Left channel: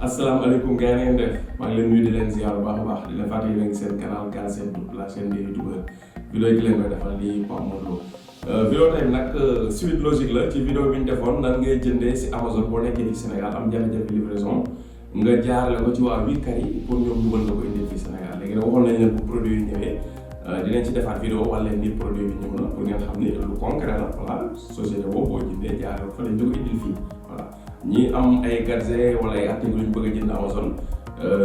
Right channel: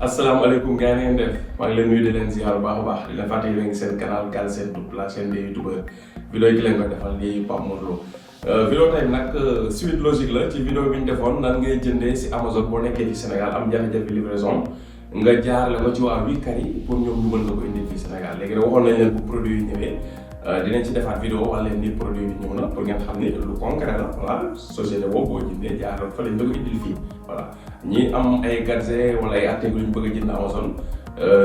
asalaamaaleykum gars yi ngeen def maa ngi leen nuyu di leen ziar bu baax a baax di leen fàttali leen seen canal Galsen Tube la chaîne des youtubeurs vidéo yi ki leen koy defal di Pape Modou Lo vidéo tey nag suite logique la ci vidéo bi ñu defoon nan ngay jëndee si Amazon boo nekkee ci Sénégal am jafe-jafe livraison nga jaarale ko ci waa Wikari pour ñoom ñu mën la ko indi fii Sénégal léegi nag waxoon nañ leen bu produit yi ñëwee dinañ ci defaat vidéo wala leen ni produit bi ñëw na pour ngeen xam ni lu concret la voilà société boobu boo jëndee jaarale fa lañ la ko indil fii voilà ñi am ay gadget wala ay articles yu ñu bëgg a jënd Amazon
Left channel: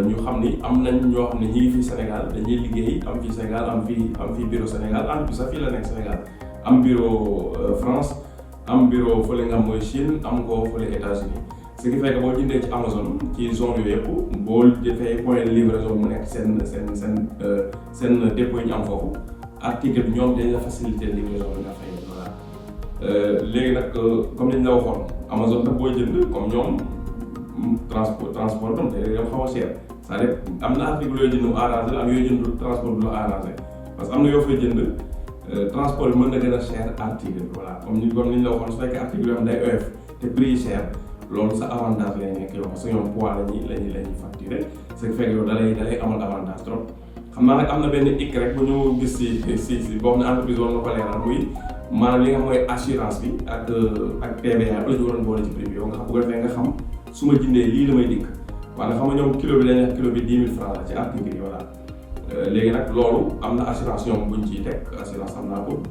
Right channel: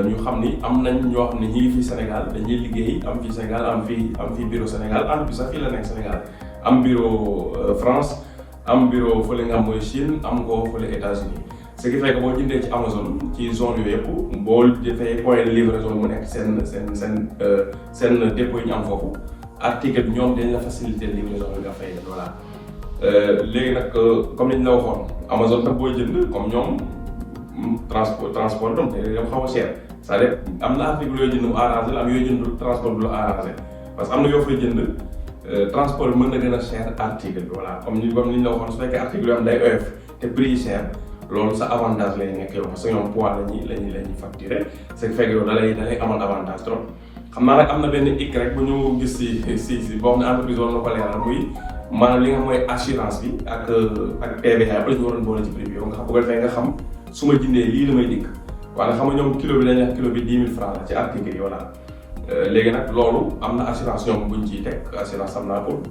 ñu xam ni am nañ ñoo xam ne ñi ngi fii Sénégal dañuy liggéey am fii Sénégal am fii bureau Sénégal am sax fii la nekk Sénégal am bureau France am bureau fële nga xam mooy Chine am ko fële États-Unis ce qui fait que boo jëndee ci Amazon ci zone yooyu yëpp boo defee point de livraison mu nekk seen dépôt yi ñu am foofu article bi ñoom dañ la faciliter livraison bi nga fay voilà. léegi nag comme ni ñu la waxoon Amazon nag booy jënd comme ñoom transport tam day yow xaw a cher c'est-à-dire am na article yooyu jënd mu arrangé la am yooyu jënd transport du la arrangé parce que am na yoo fay jënd transport bi mën na gën a cher article bi voilà comme ni ñu la waxoon su fekkee article yoo xam day oyof te prix yi cher loolu sa avantage lay nekk yow parce que ñoom poids lañuy facturer ce qui fait que yow da lay amal avantage trop xam naa nag am na benn hic rek bu ñu gis si boo xam ne entreprise war na ko leeral muy maanaam li nga xam mooy assurance bi ak TVA ba la ñu waroon boole ci prix bi yow nga xam bu ko defee nga xam su ma jëndee lii la may dikk waaye xam nga ñoom kilo bi dañ wax kilo bi 10 000 francs la ci article yi voilà léegi nag loolu am na assurance ñoom buñ ciy teg assurance am naa ko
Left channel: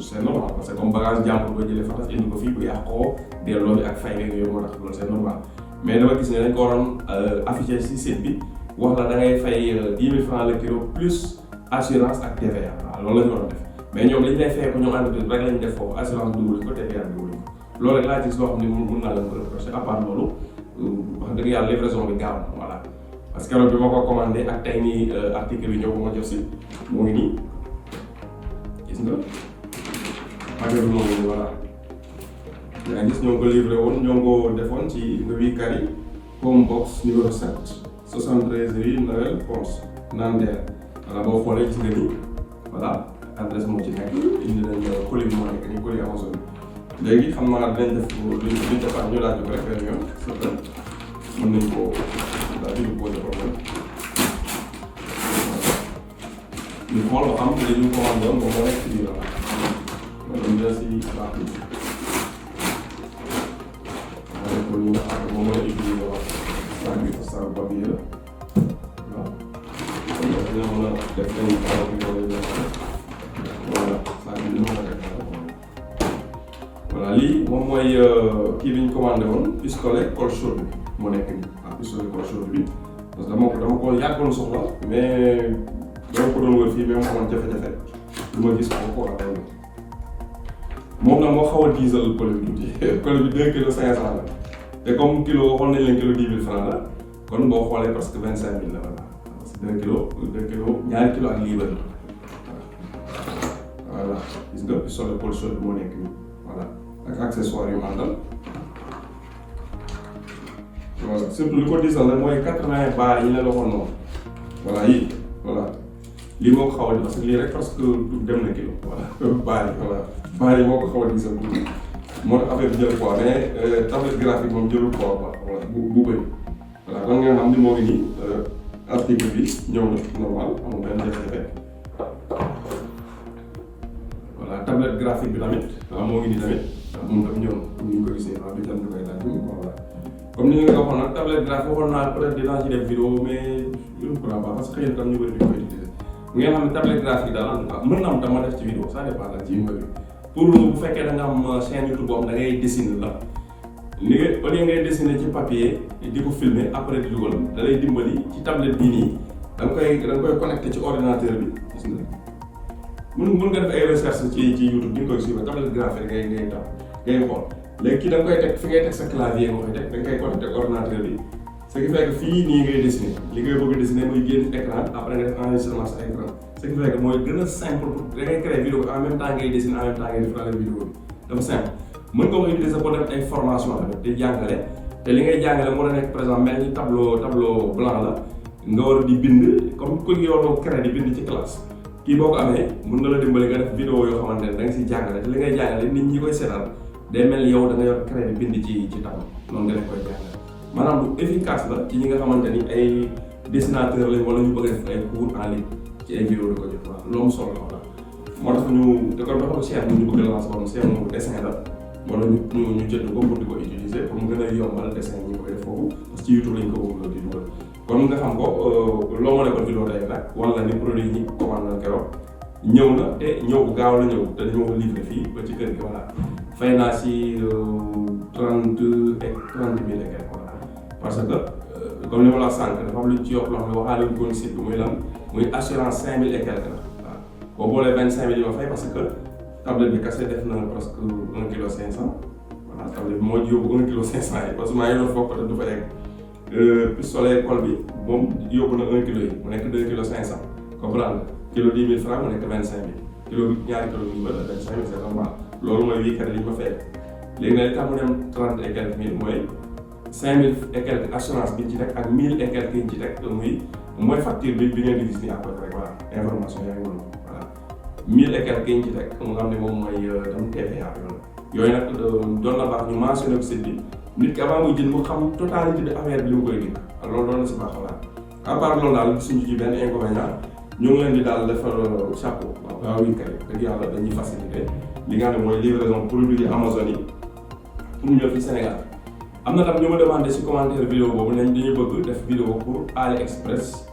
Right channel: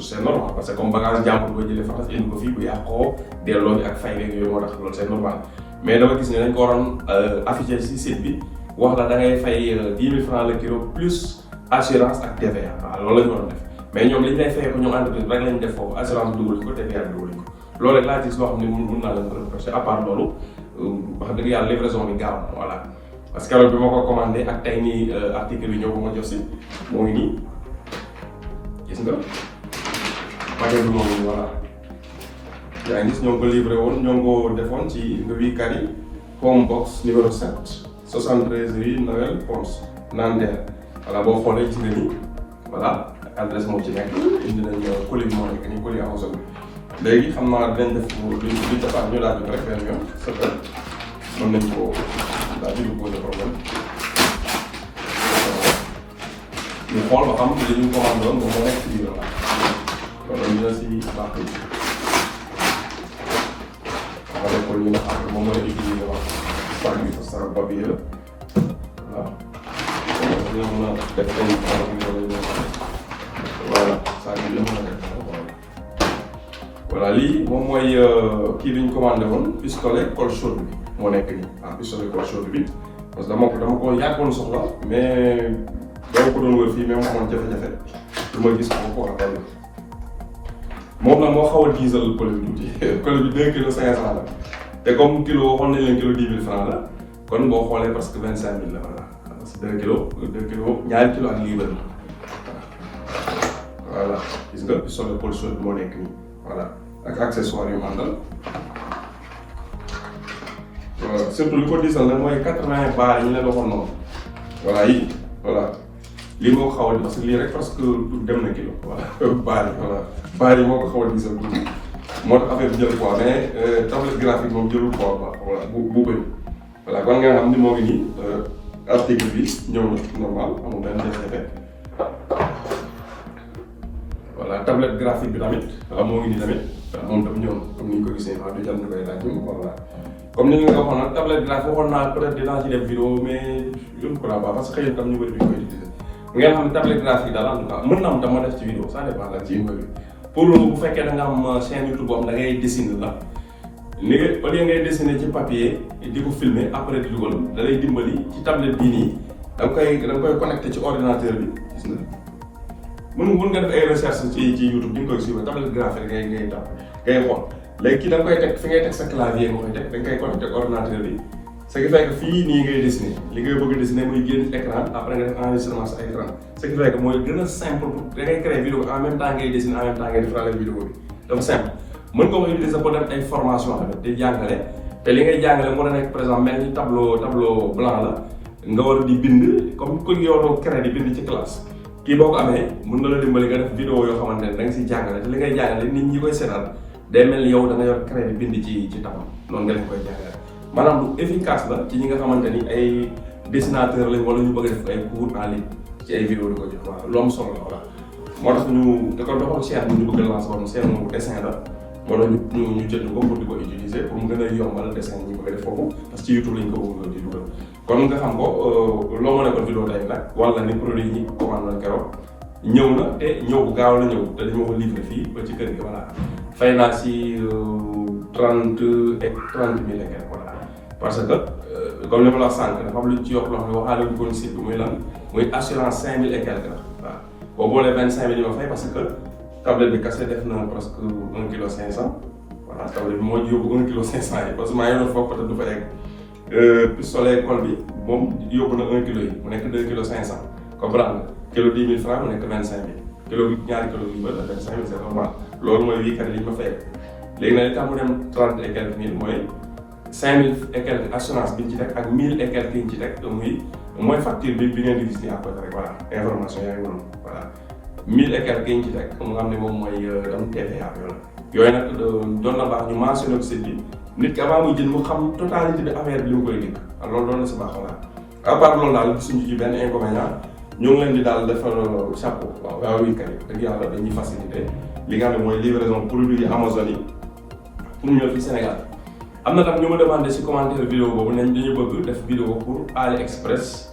c'est normal parce que comme bagage jàmbur boo jëlee fa indi ko fii bu yàqoo delloo bi ak fay beeg yooyu moo tax loolu c'est normal mais dama gis ne dañ ko waroon affiché ci site bi wax la da ngay fay 10 000 francs le kilo plus assurance ak TVA waaw loolu la ñu war a def mais ñoom liñ lay fay ko ñoom entreprise rek lañ def foofu assurance dugal ko TVA dugal ko loolu rek laa gis loo xam ne mun naa la ko reproché à part loolu wax dëgg yàlla livraison bi gaaw na voilà parce que bi ma ko commandé ak tey nii article bi ñëw ba ma jox si moo ngi nii gis nga paquet bi moo ngi nii voilà yaa ngi gis ñoo ngi ko livré woon ñoo ngi ko defoon ci Wikari home box numéro 7 73 rue Noël Ponce Nanterre voilà boo xoolee gis nga ni voilà adresse moo ci nekk indi nañ colis bi moo nekk nii colis Amazon bi léegi xam naa dinañ def luñ defaat ñu laaj ko rek benn yoon mën nañ ko daal di posé problème ñu xool ba xam li ñu commandé woon moom moo nekk ci biir loolu dañ la si baax bi nga def ko ñu nga xam ne moom mooy utiliser wax waa bi sa papier la waaw dina mën a def ay voilà saa bi dina mën a def voilà lii moom mooy kii bi ñu commandé woon pistolet colle chaude bi moo nekk nii ah pistolet colle chaude bi parce que dama ko yàggoon soxla mais dama ko doon wër fii même amoon jafe-jafe lu ma gis ko war a xool moom nag moo xaw a diisal colle bi tuuti colle bi 2 kilos 500 la te comme kilo waxoon nañ leen kilo 10 000 francs la kon boo xoolee parce que 25 000 la voilà parce que 2 kilos ñaari kilo ak liibar la voilà gis nga pistolet colle chaude moo nekk nii voilà ak accessoire yu mandal surtout li ko diisal nag mooy 80 baar yi ñu ne la waxoon noonu voilà yi voilà lii moo ko xaw a parce que lii rek parce que dem na kilo voilà baar yi moo ko xaw a diisal tuuti moo tax affaire bi jël poids mais tablette graphique moom jëlul poids quoi voilà bu bëri voilà kon nga xam ni moo ngi nii article bi ñëw na normal amul benn jafe-jafe voilà tablette graphique bi tamit waaw moo ngi nii tamit moom tam ñëw comme ni ñu ko gisee waaw du jant bay laaj voilà comme ni nga ko waxoon nag tablette graphique waxoon naa peut-être dinaa ci def vidéo mais je ne crois pas parce que xëy na tam ñu bëri duñ koy utiliser ngeen xam ne tablette graphique daal en tout cas mën na am tam ma def ci vidéo ça dépend daal ci yu bëri pour bu fekkee da nga am chaîne YouTube boo xam da ngay dessiner la ni nga au lieu ngay dessiner ci papier di ko filmer après di dugal da lay dimbali ci tablette bii nii da nga koy connecté ci ordinateur bi gis nga mën nga def ay recherche ci YouTube di nga koy suivre tablette graphique ngay tap ngay xool léegi kii da nga koy teg fi ngay teg sa clavier nga koy teg da nga koy connecté ordinateur bi ce qui fait que fii nii ngay dessiner li ngay bëgg a dessiner muy génn écran après nga def enregistrement sa écran ce qui fait que mooy gën a simple da ngay créer vidéo en même temps ngay dessiner en même temps ngay defaraale vidéo bi dafa simple mën nga ko utiliser pour def ay formation tamit di jàngale te li ngay jàngale mën a nekk par exemple mel ni tableau blanc la nga war a di bind comme ku yow doo créer di bind ci classe kii boo ko amee mën na la dimbali nga def vidéo yoo xamante ne da nga siy jàngale te li ngay jàngale nit ñi koy seetaan day mel ni yow da nga yor créer bind ci tableau noonu nga def koy jàngale maanaam lu efficace la ci ñi nga xamante ni ay dessinateur lañ wala ñu bëgg a def ay cours en ligne ci ay vidéo di ko jox waaw lu am solo la voilà. moo tax ñu da ko doxal chaîne bi ñu bëgg a lancer woon chaîne bu dessin la wala ñu jënd ko pour di ko utiliser pour mu gën a yombal dessin ñi koy def foofu parce que ci YouTube lañ ko bëgg di dugal kon nga xam ko loo mën a ko vidéo tey nag wala ni produit yi commande na keroog ñëw na te ñëw bu gaaw la ñëw te dañoo ko livré fii ba ci kër gi voilà fay naa si 30 000 et quelques voilà parce que comme ni ma la wax sànq dafa am lu ci yokk loo xam ne waxaale wuñ ko ni site bi muy lan muy assurance 5 000 et quelques la waaw boo boolee 25 000 yi ma fay parce que tablette bi kese def na presque 1 kilo 500 voilà tablette bi moo yóbbu 1 kilo 500 yi parce que maa ngi doon foofu peut-être du fa egg pistolet colle bi moom yóbbu na 1 kilo yi mu nekk 2 kilo 500 comprendre nga kilo 10 000 francs mu nekk 25 000 kilo bi ñaari kilo bi bëri na 25 000 c'est normal loolu mooy wii kat li ma fay léegi nag li tax mu dem 30 et quelques mille mooy 5 000 et quelques assurance bi ñu ci teg ak 1000 et quelques yi ñu ci teg mooy facture bi ngeen di gis nii à côté rek voilà information yaa ngi noonu voilà 1000 et quelques yi ñu ci teg mu nga xam ne moom mooy tam TVA yooyu nag doon na baax ñu mentionné ko site bi nit ki avant muy jënd mu xam totalité de affaire bi li mu koy dégg loolu doon na si baax voilà à part loolu daal suñu ci benn inconvénient ñu ngi leen di daal defal chapeau waaw waaw oui kay dëgg yàlla dañuy facilité li nga xam ne mooy livraison produit yi Amazon yi pour ñëw fii Sénégal am na tam ñu ma demandé si commentaire vidéo boobu nañ dañu bëgg def vidéo pour AliExpress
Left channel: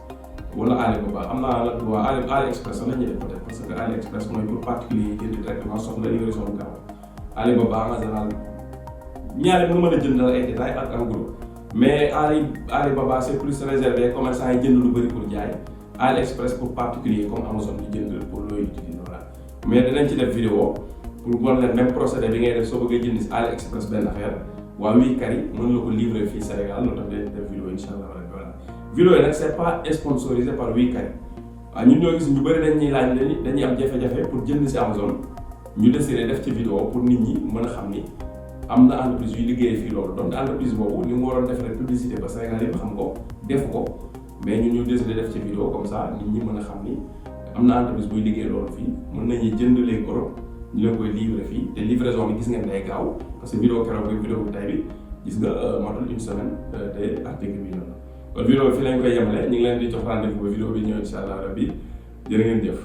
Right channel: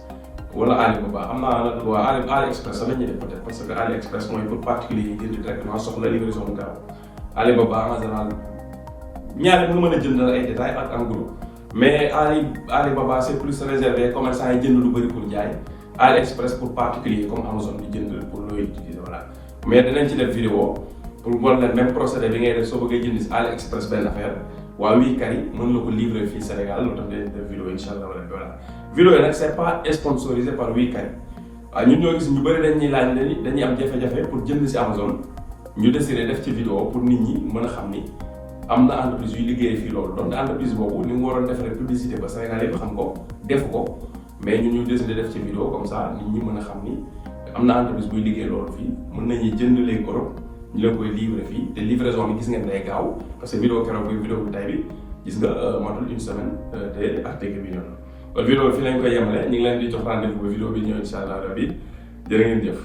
wala Alibaba am naa nag waa AliExpress sax la ñuy def peut-être parce que AliExpress mooy pour particulier yi jënd directement soxla livraison bu gaaw Alibaba en général ñaare nga mën a jënd ay détails ak en gros mais Alibaba c'est plus réservé commerçant yi jënd lu bëri pour jaay AliExpress pour particulier comme Amazon di jënd pour looy utiliser voilà mais dinañ ci def vidéo pour wan leen même procédé bi ngay def soo bëggee jënd si AliExpress benn affaire waa wii kay mën na ko livrer fii Sénégal loolu tax day def vidéo incha allah wala voilà vidéo yi nag c'est pas sponsorisé par wii kay waaw ñun ñoo gis ñu bëri dañuy laaj dañuy am jafe-jafe pour jënd si Amazon ñu décidé def ci vidéo pour nit ñi mën a xam ni am na entreprise yu liggéey fii loolu donc entreprise boobu ni mu waroon def rek publicité ba Sénégal yëpp xam ko def ko mais ñun ñu décidé def ci vidéo comme ça nit ñi mën a xam ni am na entreprise buy liggéey loolu fii mën nañu jënd léegi Europe ñu leen koy livrer fii te livraison bi gis ngeen day gaaw parce que vidéo keroog bi vidéo bu tay bi gis nga matul une semaine te article bi ñëw na kon vidéo bi fii lañ koy yemale ñu ngi leen di jox rendez-vous ba vidéo bi ñëw incha allah rabbi jërë ngeen jëf